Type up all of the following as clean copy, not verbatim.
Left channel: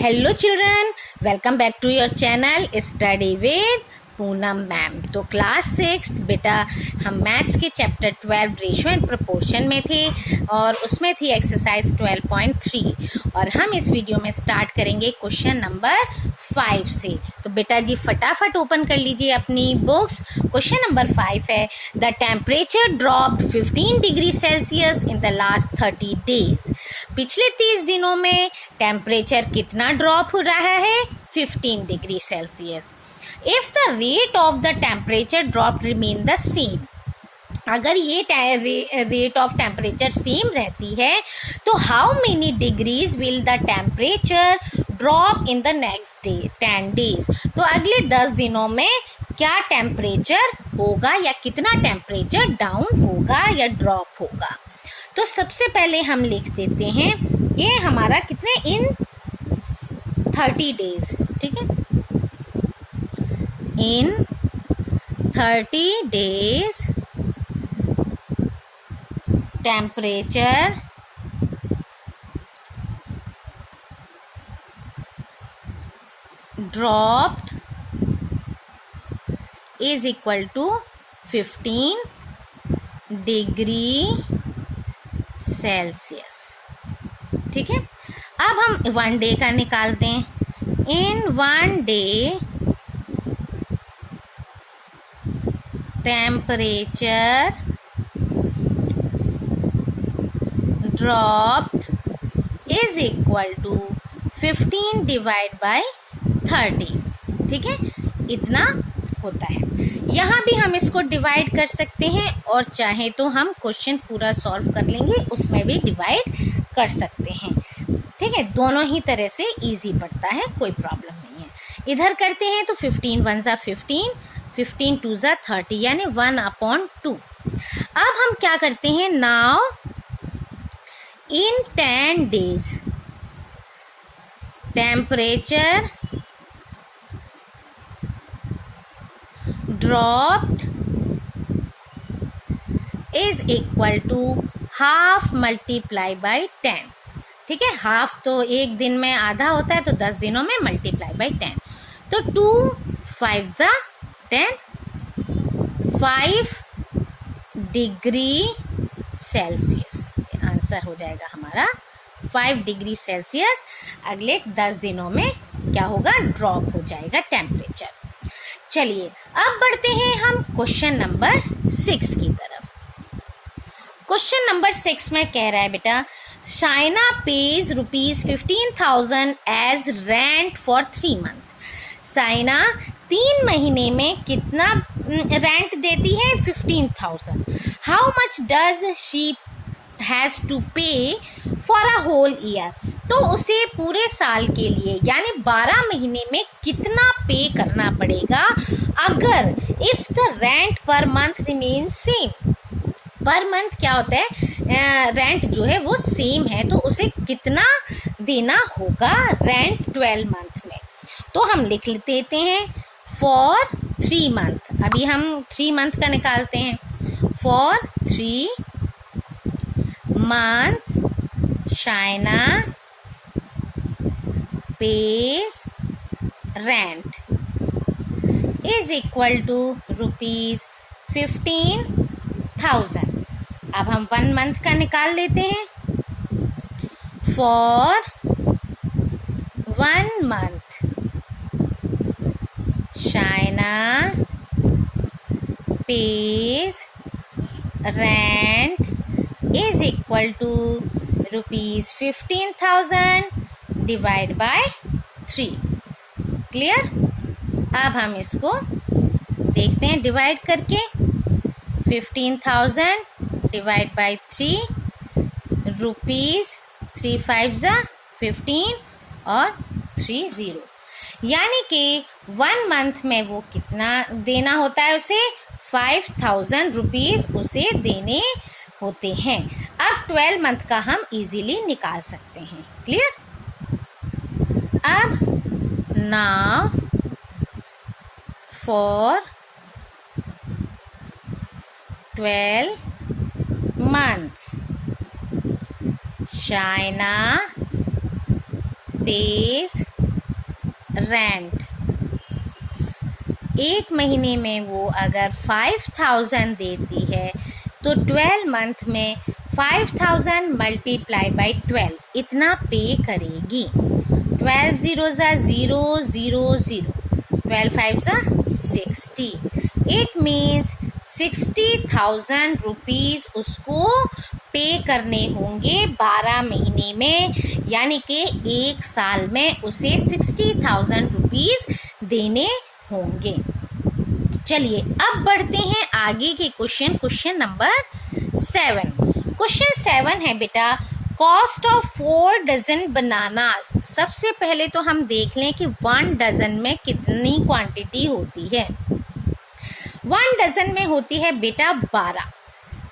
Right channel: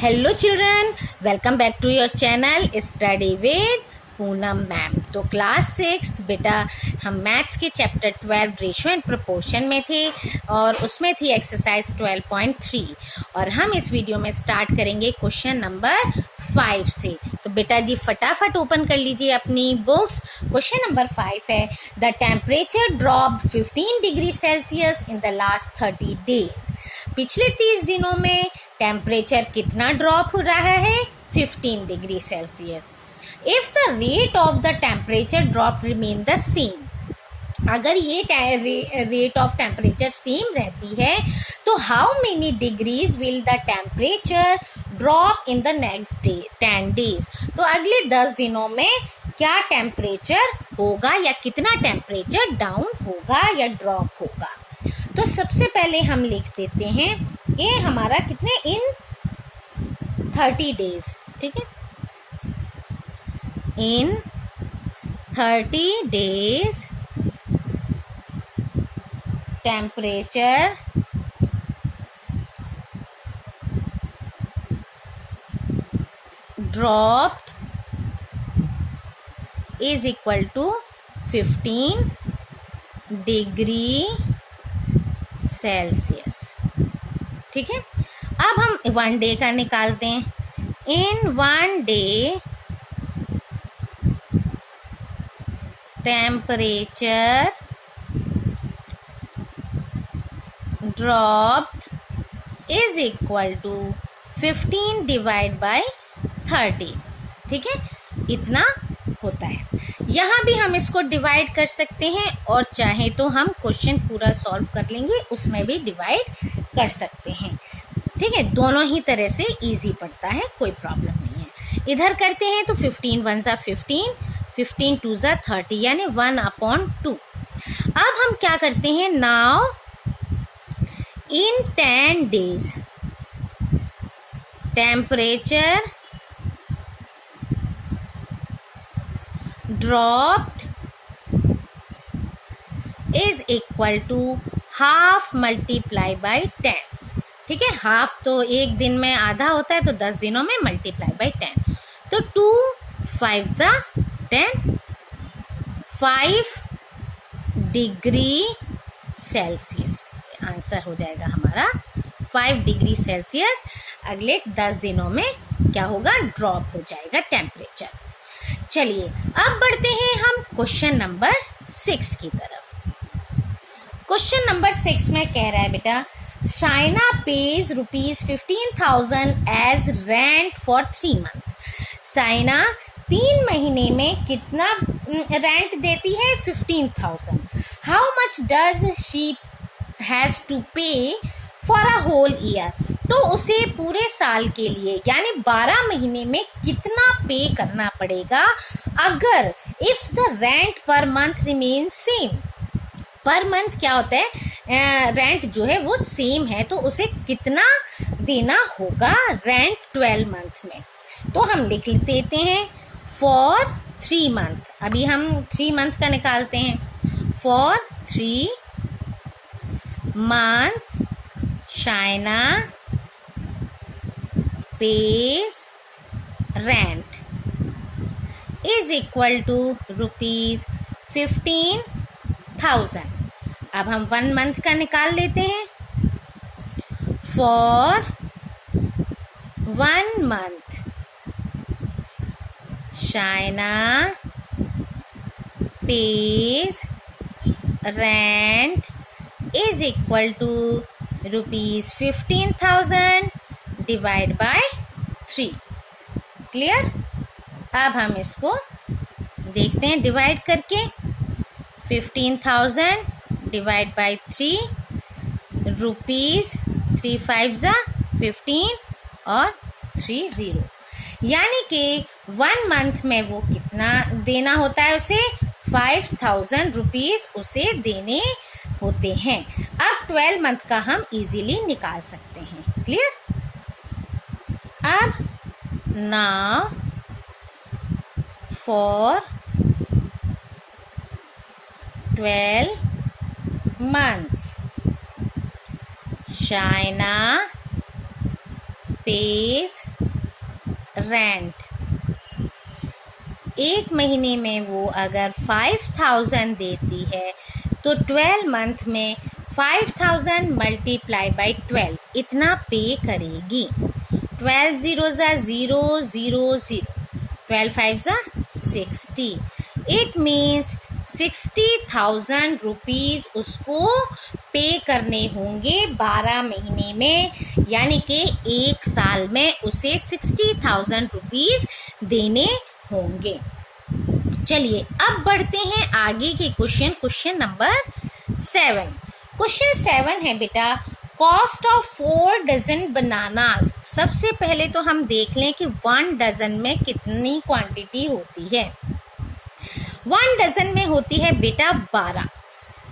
Hello children, welcome back to your channel study with Poonam ma'am. तो class 6 बेटा हम maths के चैप्टर 12 रेशियो एंड प्रोपोर्शन में थे और उसमें थी एक्सरसाइज 12.3 और हम इस वीडियो में स्टार्ट करेंगे क्वेश्चन नंबर 5 से। तो बेटा जी फटाफट ओपन कर लीजिए अपनी बुक्स। क्वेश्चन नंबर 5 है, the temperature dropped 15 degree Celsius in the last 30 days. पिछले 30 दिनों में टेम्परेचर कितना ड्रॉप हो रहा है? 15 degree Celsius. If the rate of the temperature drop remain the same, अगर ये रेट ऑफ टेम्परेचर सेम रहती है तो how many degrees will the temperature drop in the next day 10 days. तो अगले 10 दिनों में क्या टेम्परेचर होगा या कितना टेम्परेचर डाउन होगा या ड्रॉप होगा। तो सबसे पहले हम लिख देते हैं ये हमारा कितने इन 30 डेज, ठीक है। In 30 days temperature dropped is equal to 15 degree Celsius, ठीक है। अब हम 1 डे का निकालते हैं। In 1 day temperature dropped is equal to 15 divide by 30, ठीक है। इतना होता है। यहाँ भी हम इसको डिवाइड कर सकते हैं और चाहे तो हम क्वेश्चन पूरा सॉल्व कर लेंगे, उसमें भी डिवाइड कर सकते हैं, ठीक है। दोनों ही तरह से इजी पड़ता है, कोई प्रॉब्लम नहीं है। इधर करते हैं तो 15 1 ज़ा 15, 15 2 ज़ा 30 यानी 1/2। अब हम क्या करते हैं, now in 10 days temperature dropped is equal to half multiply by 10, ठीक है। हाफ तो एक दिन में आधा होता है तो 10 दिनों में मल्टीप्लाई बाई 10, तो 2 5 ज़ा 10, 5 डिग्री सेल्सियस आंसर हो जाएगा हमारा 5 डिग्री सेल्सियस। अगले 10 दिनों में क्या होगा, ड्रॉप हो जाएगा टेम्परेचर। चलिए अब बढ़ते हैं हम क्वेश्चन नंबर 6 की तरफ। क्वेश्चन नंबर 6 में कह रहा है बेटा, China pays ₹15,000 as rent for 3 month. China 3 महीने में कितना रेंट देती है? 15,000। How much does she has to pay for a whole year. तो उसे पूरे साल के लिए यानी 12 महीने में कितना पे करना पड़ेगा अगर if the rent per month remain same. Per month क्या होता है, रेंट जो है वो सेम है तो उसे कितना देना होगा रेंट 12 मंथ में। तो हम लिख देते हैं फॉर 3 मंथ। अभी हम 3 मंथ का निकालते हैं। For 3 months China pays rent is equal to ₹15,000। अब हम 1 मंथ का निकाल लेते हैं। For 1 month China pays rent is equal to ₹15,000 divide by 3। Clear. अब हम इसको देखते हैं डिवाइड करके। 15,000 डिवाइड बाय 3 रुपीज़ 3 5 ज़ा 15 और 3 0, यानी कि 1 मंथ में वो कितना देना होता है उसे? 5,000 रुपीज़ उसे देने होते हैं। अब 12 मंथ का हम इजीली निकाल सकते हैं। क्लियर। अब now for 12 months China pays rent, एक महीने में वो अगर 5000 देती है तो 12 मंथ में 5000 मल्टीप्लाई बाई 12 इतना पे करेगी। 12 0 ज़ा 0 0 0, 12 5 ज़ा 60। इट मीन्स 60,000 रुपीज़ उसको पे करने होंगे 12 महीने में, यानी कि एक साल में उसे 60,000 रुपीज़ देने होंगे। चलिए अब बढ़ते हैं आगे के क्वेश्चन नंबर 7। क्वेश्चन 7 है बेटा, कॉस्ट ऑफ 4 डजन बनानास। सबसे पहले तो हम देख लें कि 1 डजन में कितनी क्वांटिटी होती है। 1 डजन में होती है बेटा 12,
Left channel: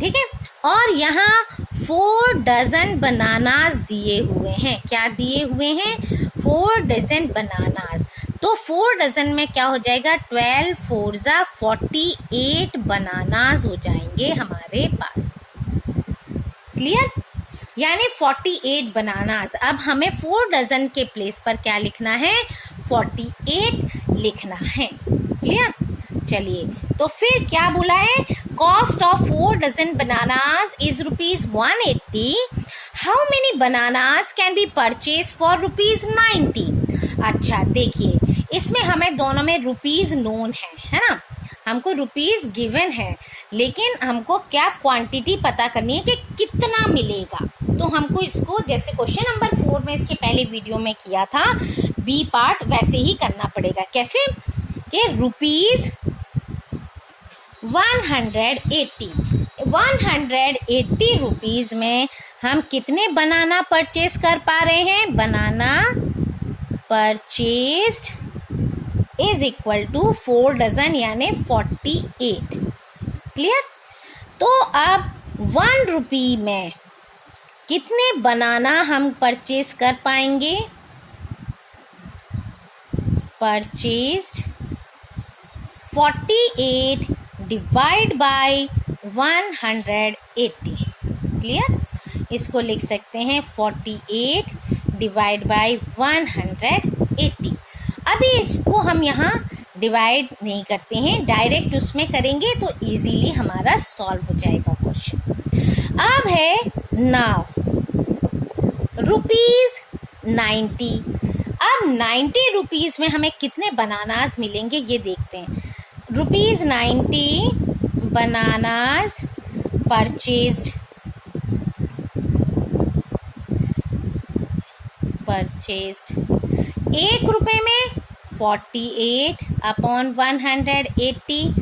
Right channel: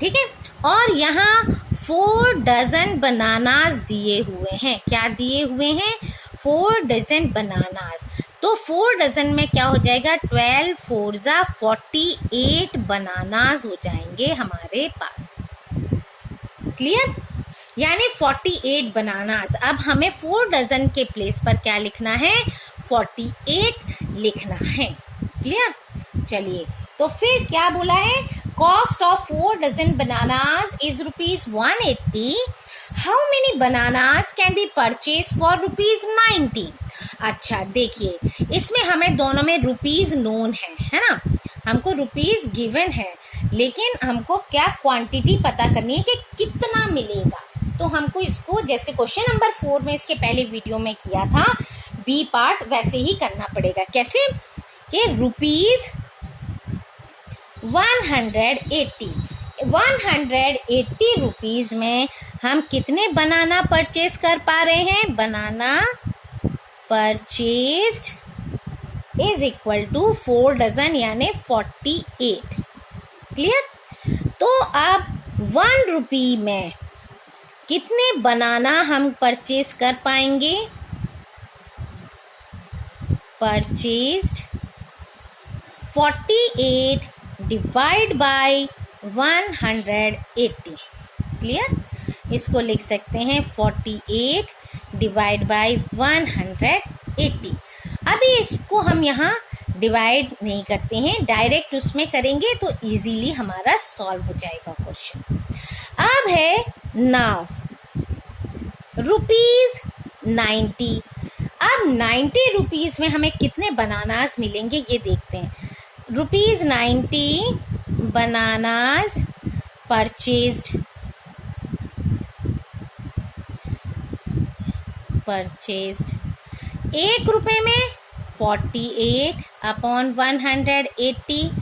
ठीक है। और यहाँ 4 डजन बनानास दिए हुए हैं। क्या दिए हुए हैं? 4 डजन बनानास। तो 4 डजन में क्या हो जाएगा? 12 4 ज़ा 48 बनानास हो जाएंगे हमारे पास। क्लियर? यानी 48 बनानास। अब हमें 4 डजन के प्लेस पर क्या लिखना है? 48 लिखना है। क्लियर? चलिए, तो फिर क्या बोला है? Cost of 4 dozen bananas is ₹180। How many bananas can be purchase for ₹90। अच्छा देखिए, इसमें हमें दोनों में रुपीज नोन है ना, हमको रुपीज गिवन है, लेकिन हमको क्या क्वांटिटी पता करनी है कि कितना मिलेगा। तो हमको इसको जैसे क्वेश्चन नंबर 4 में इसके पहले वीडियो में किया था बी पार्ट, वैसे ही करना पड़ेगा। कैसे? कि ₹180 रुपीज में हम कितने बनाना परचेज कर पा रहे हैं? Banana purchased is equal to 4 dozen यानी 48। क्लियर? तो अब 1 रुपी में कितने बनाना हम परचेज कर पाएंगे? Purchased 48 divide by 180। क्लियर? इसको लिख सकते हैं 48 डिवाइड बाय 180। अभी इसको हम यहाँ डिवाइड नहीं करते हैं, डायरेक्ट उसमें करेंगे तो इजीली हमारा सॉल्व हो जाएगा क्वेश्चन। अब है नाउ ₹90। अब 90 रुपीज में हमें कितने बनानास मिलेंगे ये देखते हैं। ₹90 बनानास परचेज्ड 1 रुपए में 48 अपॉन 180,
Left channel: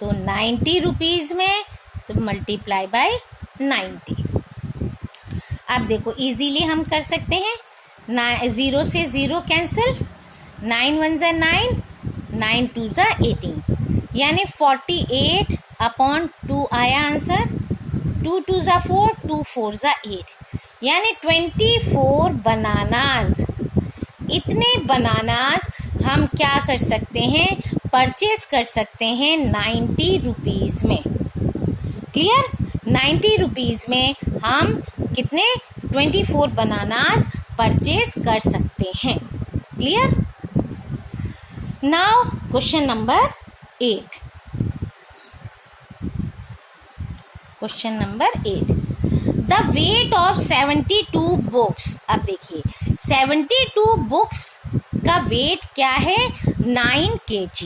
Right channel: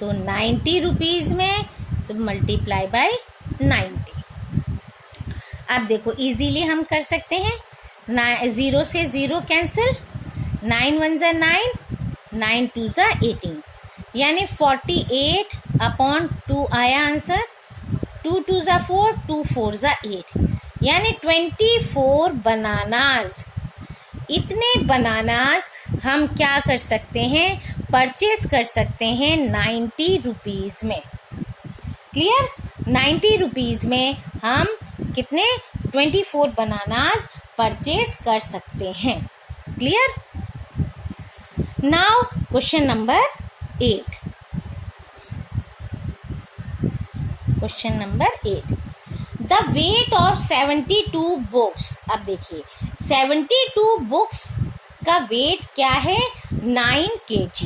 तो 90 रुपीज में तो मल्टीप्लाई बाय 90। अब देखो इजीली हम कर सकते हैं, 0 से 0 कैंसिल, 9 1 ज़ा 9, 9 2 ज़ा 18, यानी 48 अपॉन 2 आया आंसर। 2 2 ज़ा 4, 2 4 ज़ा 8, यानी 24 बनानास। इतने बनानास हम क्या कर सकते हैं? परचेज कर सकते हैं 90 रुपीज में। क्लियर? 90 रुपीज में हम कितने 24 बनानास परचेज कर सकते हैं। Clear? Now question number 8। Question number 8, the weight of 72 books. अब देखिए 72 बुक्स का वेट क्या है? 9 kg।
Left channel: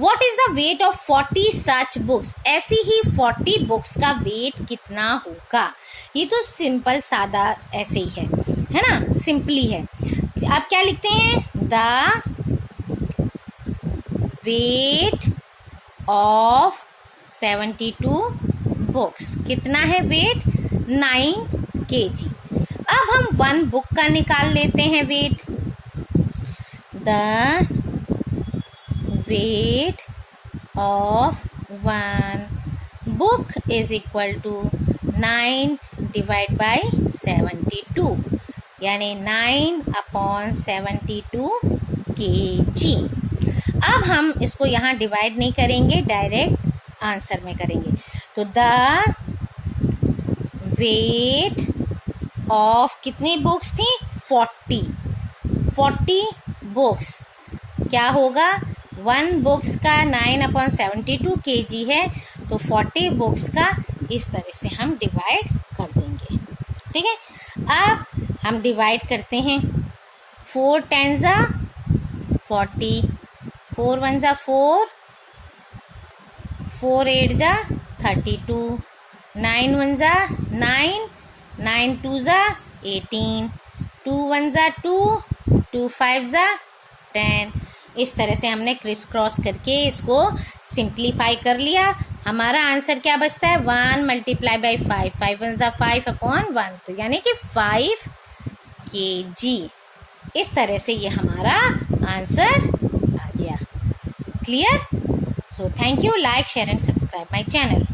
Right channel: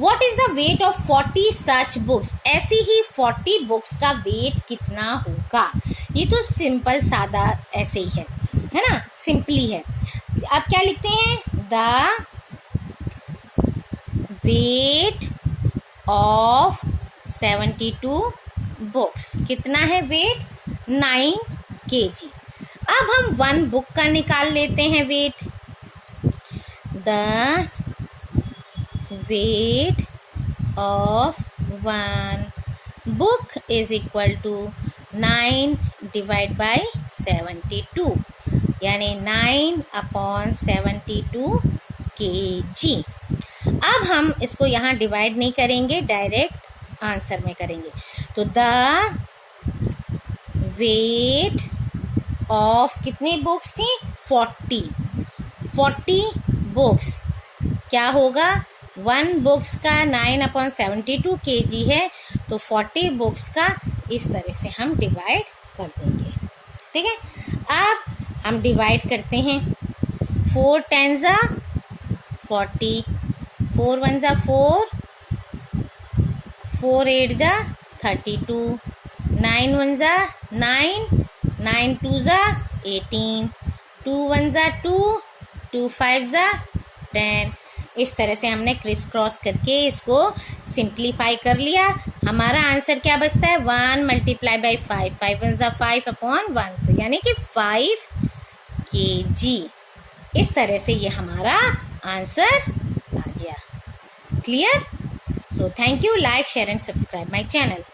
What is the weight of 40 such books? ऐसी ही 40 बुक्स का वेट कितना होगा? ये तो सिंपल सादा ऐसे ही है ना, सिंपली है। अब क्या लिखते हैं? The weight of 72 books. कितना है वेट? 9 kg। अब हम 1 बुक का निकाल लेते हैं weight. The weight of 1 book is equal to 9 divide by 72, यानी 9 अपॉन 72 kg। अब हम इसको यहाँ डिवाइड नहीं करेंगे, डायरेक्ट आंसर में करेंगे। तो द वेट ऑफ कितनी बुक्स थी? 40। 40 बुक्स क्या होगा, 1 बुक्स का 9/72 kg है, तो 40 बुक्स का इस तरह से हम डिवाइड कर देंगे। ठीक है, अब हम डिवाइड करते हैं। 4 10 ज़ा 40, 4 1 ज़ा 4, 4 8 ज़ा 32, 9 1 ज़ा 9, 9 2 ज़ा 18, 2 1 ज़ा 2, 2 5 ज़ा 10। इस तरह से हमने क्रिस क्रॉस करके इसको सिंप्लीफाई कर लिया। हमारा आंसर क्या बचता है, 1 मल्टीप्लाई बाई 5, 5 1 ज़ा 5 अपॉन 1, तो यानी कि 5 kg। इस तरह से ये हमारा आंसर आ गया। Clear? So thank you, like share and subscribe my channel.